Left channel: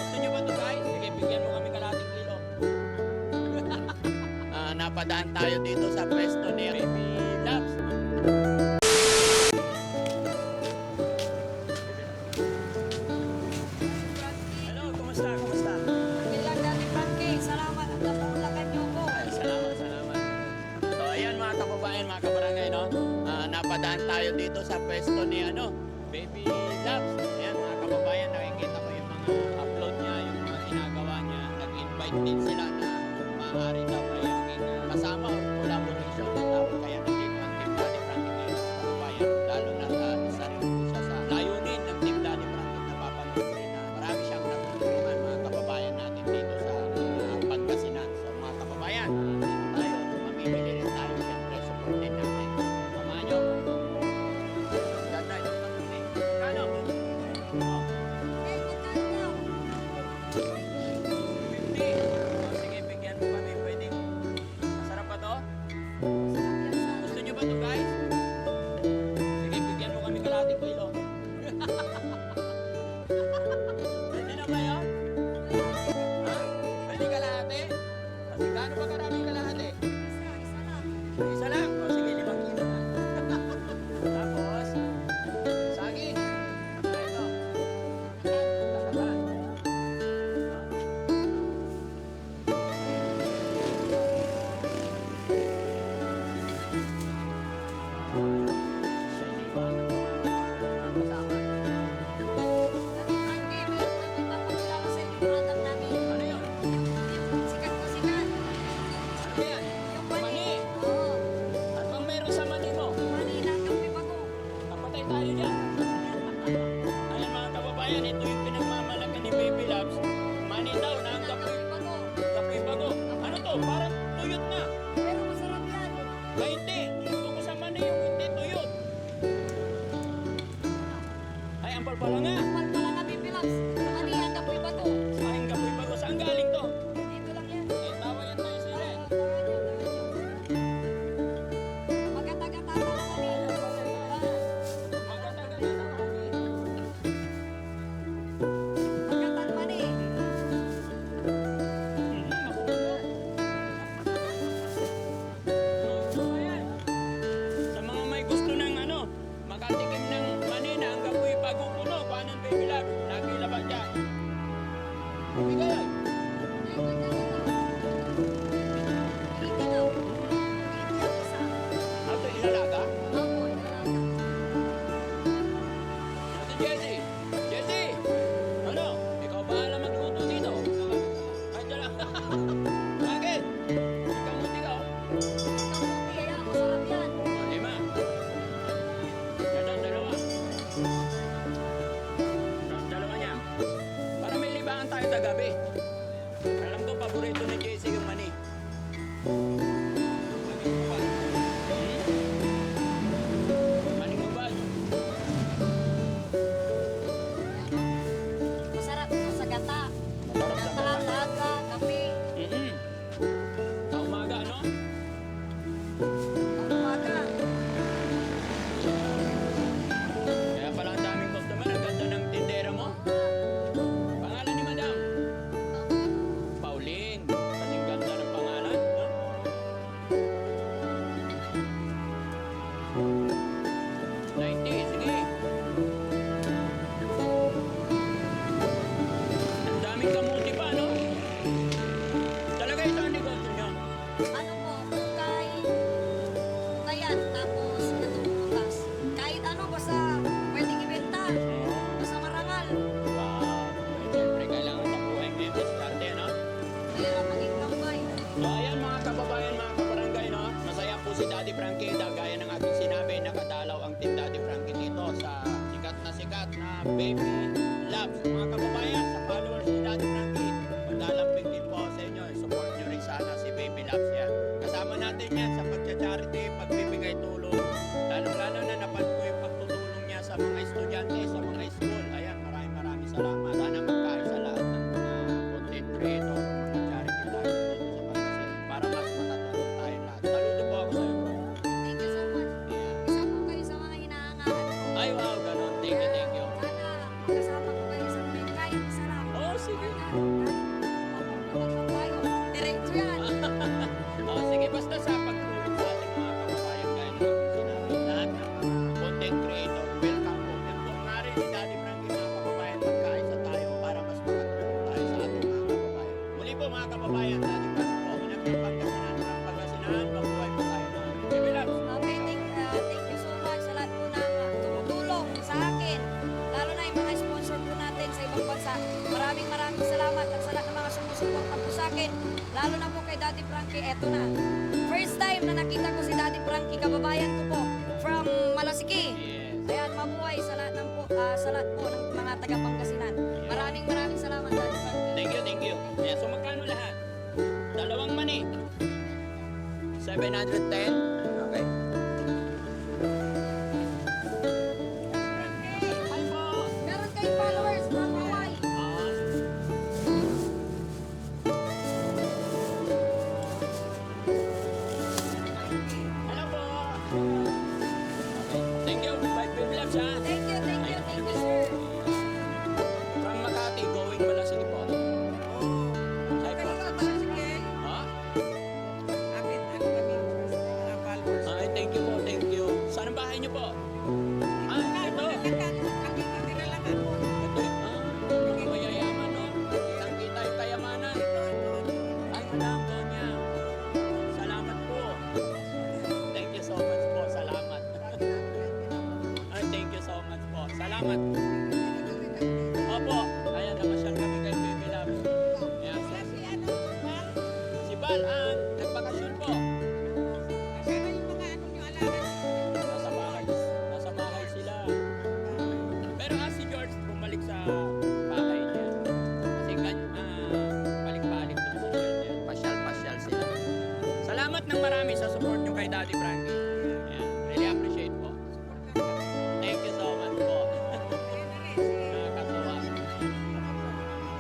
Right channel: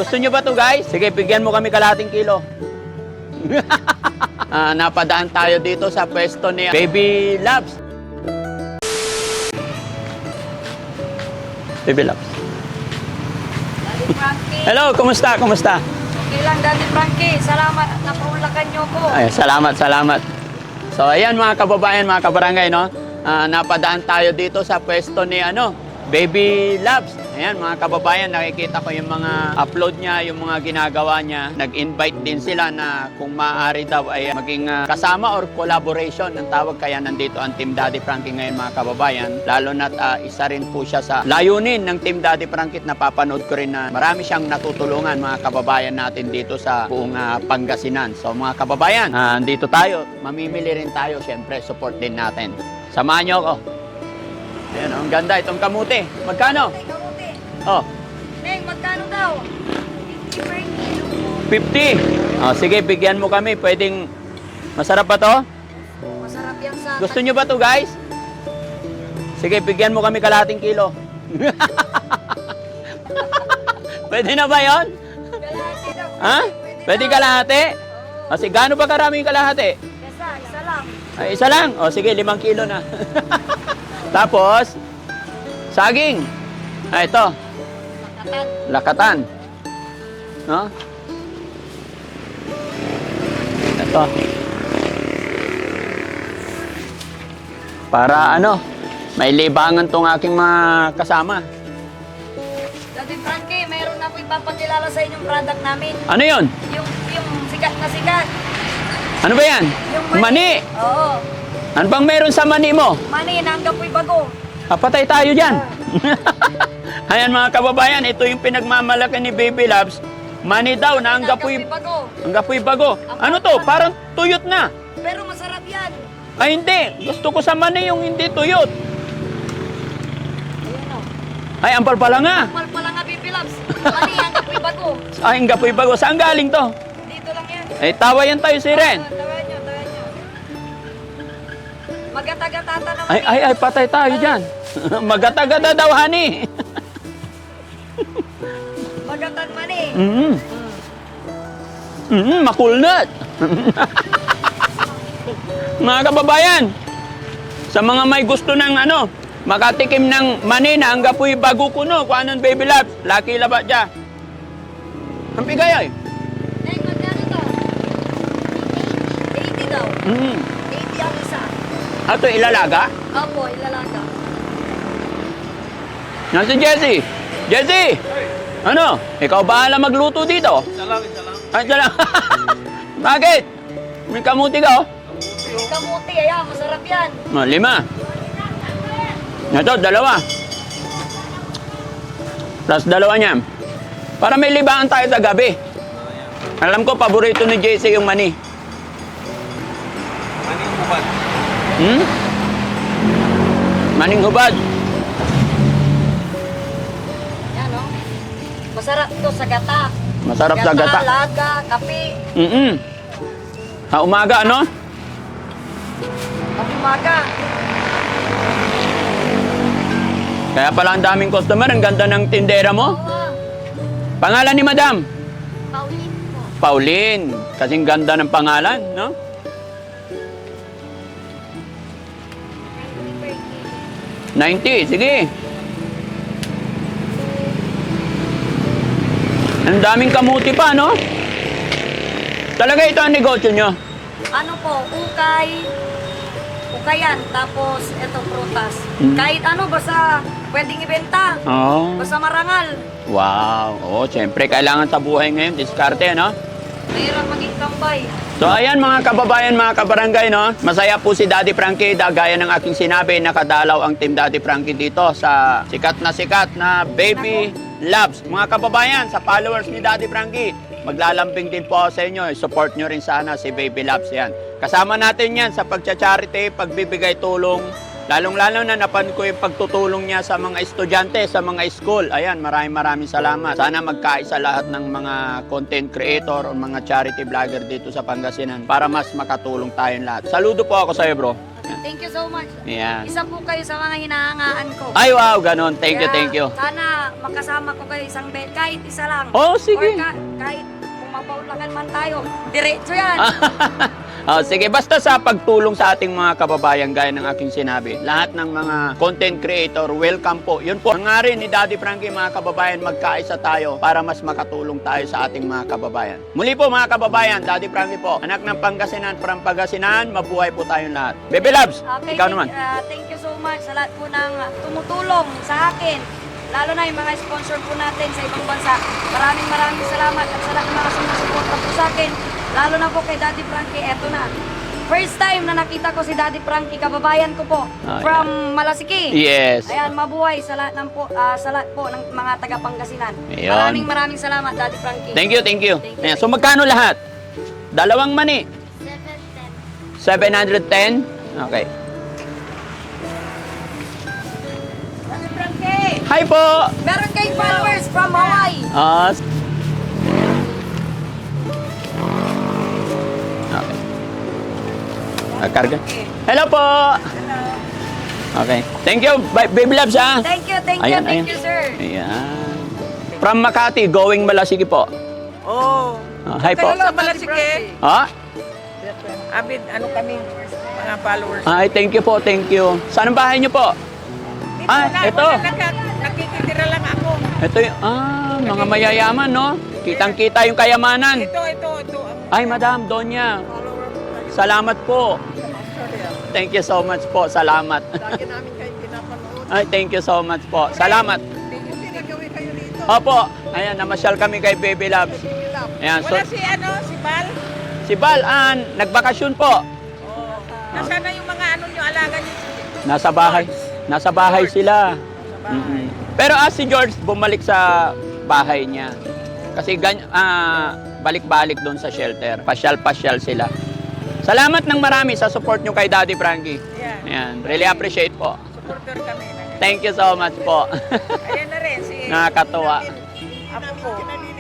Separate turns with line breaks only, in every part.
Gusto nyo ba to guys? Sige, bigyan mo kami kalahating kilo. Napadaan tayo dito sa pwesto ni Baby Loves. Baby Loves.
Daddy Frankie.
Hello, kumusta? Kumusta?
Okay lang, Daddy Frankie. Salamat at napaulakan niyo ko.
Ay, salamat. So, ayan mga kababayan, mga kabarangay, no? Napadaan tayo dito sa pwesto ni Baby Loves. Ayan, mga kababayan, nakikita ko yung mga upload niya, yung mga ginagawa niya. Nag-invite din sila na kung maaari daw ay maging kasama or collaboration. Ang tawag kaya nandito ang Team Daddy Frankie ngayon, mga kababayan. Lalo na't isa rin po siya sa layunin ng Team Daddy Frankie. Napapanood ko rin na marami siyang natutulungan, mga kababayan natin dito sa buong Pangasinan. So mga kababayan, dito tayo. Mamimili rin tayo, syempre, support din natin. Samahan niyo ako. Ayan, ang ganda itong kamuti. Magkano?
Ay, kamuti.
Oh,
Neng, magkano daw?
50. Oh, sige, bigyan mo kami. Pwedeng masarap pa to?
Masarap yan sa...
Gusto nyo ba to guys? Sige, bigyan mo kami kalahating kilo. Pwede na ba yon? Ha? Pwede kalahati? O, sige, gaano ba karaming kalahati?
Isa lang.
Ay, isa lang. O, sige, 5 kilo na. Tapos, saging. Ah, ito. Lakatan. No? Ito. Para may libangan tong aking mga kasama.
Daddy Frankie, mayroon na ipapakilala sa inyong product namin.
Ano yon?
Yung sikat na sikat.
Ano ba yan?
Yung
Mani.
Oo.
Ano bang meron sa mani mo?
Mani, nanggap po'y bago.
Patay tayo dyan. Ayan mga kababayan, ito yung pinagmamalaki ni Baby Loves. Mani daw na ang gapoy
bago.
bago. Ano to? Parang tuyot na.
Pero masarap yan.
Ay hindi. Gusto ko sa mani yung hindi tuyot. Ay, ampal pala nga.
Normal pala nga, Baby Loves. Mani, nanggap po'y bago.
Ay, ang gapoy bago. Saan galing to?
Dito lang yan.
Ay, tawayan tayo si Ren.
Tawain nyo. Magatagata naman.
Ay, patay tayo dyan. Magatagada daw, honey.
Magatan mani.
Makulnat. Mga kababayan, sa mga may gusto ng makatikim ng mani na ang gapoy bago kuno, kung anong Baby Loves, laki laba dyan. Ang bigay ay.
Neng, magkano to? 80 daw. 80 ang isa.
Ito ilalaga?
Opo, ilalaga.
Nasa Jessie. Jessie! Ano? Ikaw bahala magluto dito?
Salam.
Ay, salam. Bakit? May kamuti ka, oh.
May kamuti, ayan, masarap yan.
5. Ito, 2. Plus 2 niyan. Para may libangan tayo sa gabi. Alam ko, paborito ni Jessie yung mani.
Maning upat.
Maning hubad.
Yan, oh. Masarap ito sa gata.
Masarap sa gata.
Laga, kape.
Umaga, ano?
Ang umaga.
Kaya pala ang daming customer. Ang ganda ng tindera mo. Pangalan ni Madam?
Pauline po.
Pauline. Kasing ganda ng pangalan, no? $90, sige. Ang daming kamuti pa, no? Talaga ito ang negosyo nyo.
Ano po, ukayan, tapos itong prutas. Kahit ano, basta pwedeng ibenta.
Oh.
Basta marangal.
Wow. Oo, siyempre, kailangan sa buhay ngayon. Diskarte, no?
Mahirap maging tambay.
So ayan mga kababayan, mga kabarangay, no? Masaya po si Daddy Frankie, gaya ng aking sinabi, nakadalaw ang Team Daddy Frankie dito sa sikat na Baby Loves. Mga kababayan, sa followers ni Daddy Frankie, maglalambing din po ako sa inyo. Support nyo rin sana si Baby Loves yan. Kasama natin yan sa pagcha-charity, pagbibigay tulong. Lalong-lalo na napan ko yung pagtutulong niya sa mga estudyante, sa mga school. Ayan, maraming salamat. Sana magkaisa lahat ng mga content creator o mga charity vlogger dito sa Pangasinan para mas makatulong tayong lahat. Saludo po ako sa iyo, bro.
Thank you so much.
Ayan.
Isa po kayo sa mga hinahangaan ko.
Ay, wow, ganon. Thank you,
Kaya,
thank you.
Sana makasama ko kayo isang bed, kahit isa lang.
Oh, sige.
Or kahit kung mapaulakan man tayo, diretso yan.
Sige, basta sa pagtulong sa ating mga kababayan, gaya ng aking sinabi, lahat ng mga content creator, welcome po. Yun po, hangarin ni Daddy Frankie, mga kababayan, magkaisa tayo para mas makatulong tayo sa ating mga kababayan. Muli po mga kababayan, Daddy Frankie po, anak ng Pangasinan, from Pangasinan, mabuhay po tayong lahat. Baby Loves,
Okay,
ikaw naman.
Thank you so much sa lahat po ng tumutulong sa akin. Lalo na yung mga sponsor po natin sa ibang bansa. Maraming salamat at sa lahat ng mga sumusuporta po sa akin. Lalo na po kay Daddy Frankie, eto na. First time na nakita ko si Daddy Frankie, kababayan ko po, from Malasiki.
Yes.
Ayan, mabuhay sa lahat sa lahat po ng mga taga Pangasinan.
Ayun.
Maraming salamat, Daddy Frankie.
Thank you, thank you. Ayan, so magkano lahat? Dalawang mani? 710? Okay.
Daddy Frankie,
Hi po!
meron kayong followers from Hawaii.
Okay. Karga. Hello po! Okay. Thank you, Baby Loves, ha?
Thank you, thank you, sir.
Ayan. From Makati, going Malasigi po.
Oh.
Hi po.
Sa Malasike.
Ha?
Amin, ano kami, mga followers.
Ay, thank you po, thank you. Saan ang bahay niyo po? Ito.
Nakikitira lang ako.
Ito yung, mga mayayaman, no? Kitang-kita yung kayamanan.
Ito.
Ay, Madam, Donya. Salamat po. Thank you so much po. Salamat.
Lagi namin kayo pinapanood.
Ay, thank you so much po. Salamat.
Pinagawin kayo dito.
Opo. Ayan, namasyal kami kay Baby Loves. Ayan, so,
Wala si Bal.
si Bal, nagbakasyon po.
Oh. Nasaan na yung mga nyo, alaga nyo?
Nasa bahay. Nasa bahay sila. Mm-mm. Pero si George bumalik sa bahay niya. Kasi balik-balik doon sa shelter. Pasyal-pasyal sila. Salamat ng marami sa support nyo kay Daddy Frankie.
Yeah.
Ayan, really appreciate po.
Supporter kami.
Thank you so much po.
Ayan na rin si...
Nakakatuwa.
Apo ko.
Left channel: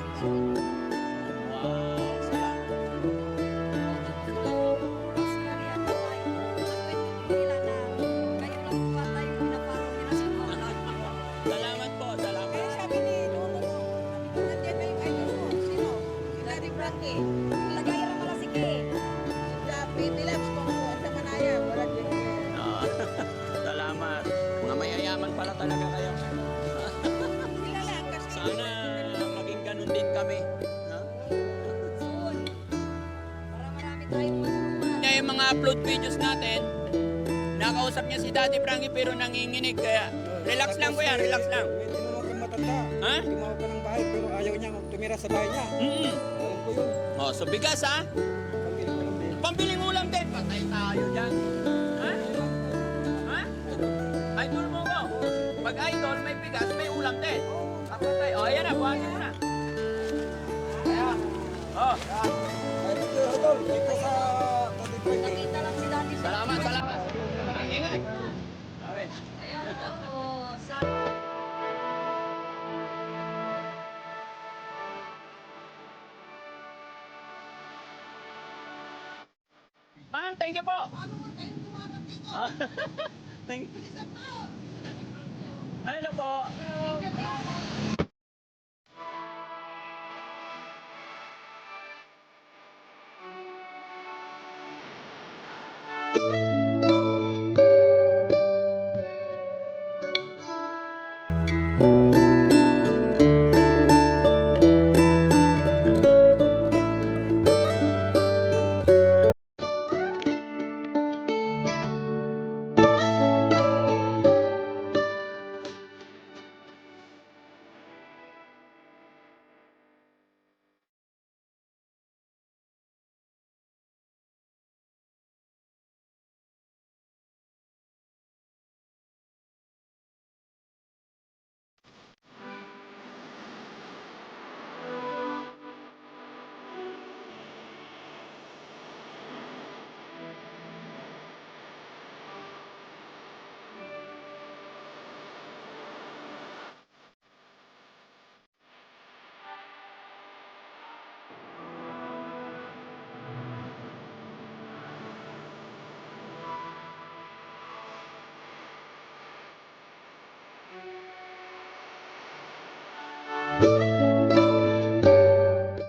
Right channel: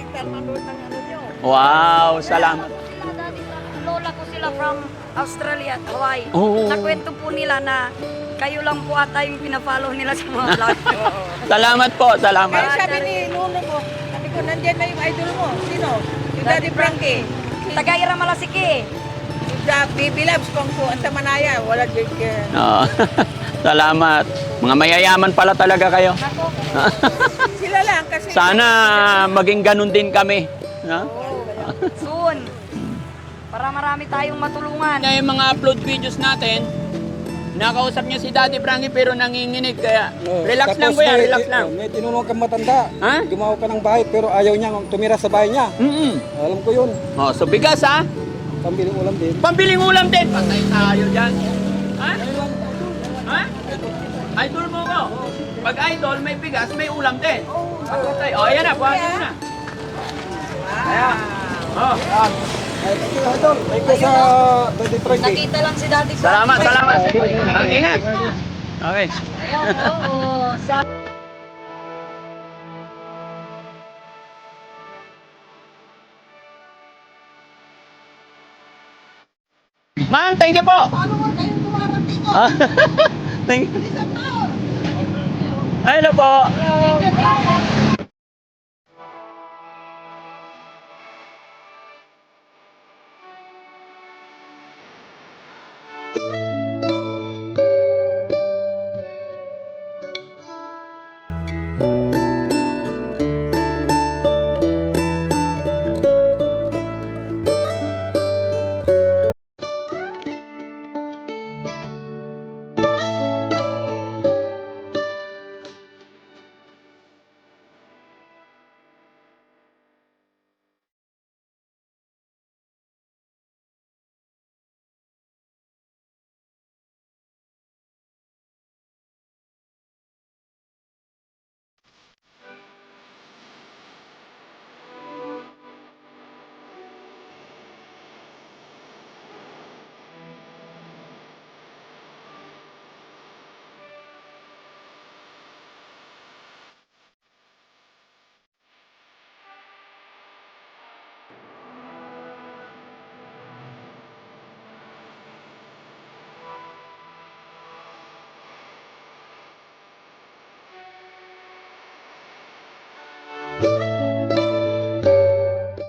Wow, salamat.
Lola ko sila from Australia at Hawaii.
Oo.
Nakwento po nila na kayo lang po ata yung pinafollow nila sa mga vlog.
Salamat po, salamat.
Kaya sabi ni Nuno ko, sabi ko, nandyan na yung idol mo. Sino? Yung Daddy Frankie.
Taga-ira Malasiki.
Yung Baby Loves kung po, ang tamanaya. Wala din kaya.
Oo. Salamat. Mga mayayaman pala talaga kayo.
Nako,
Sila lang kasi...
Sana maging ganun din kami. No?
soon. Para marami tayong matulungan.
Yung mga upload videos natin, nakausap niya si Daddy Frankie pero nanginginig. Kaya relax lang kuya, relax lang.
May tinulong kang matanda.
Ha?
Gumawa pa ng bahay pero ayaw niya tumira sa bahay niya. Alam ko yun.
Oh, so bigas ha?
Pambiling ulam din.
Pambiling ulam din. Patay tayo dyan. Ha? Ha? Idol mo ko. Pag idol, may bigas, may ulam din. Patay. Oh, ayan na. Buhatin mo na. Ayan. Oh.
Thank you sa Daddy Frankie.
Nakita lang si Daddy Frankie.
Salamat, salamat. Ingat. Okay.
Ayan, oo.
Ma'am, thank you po. Thank you. Ay, hello po.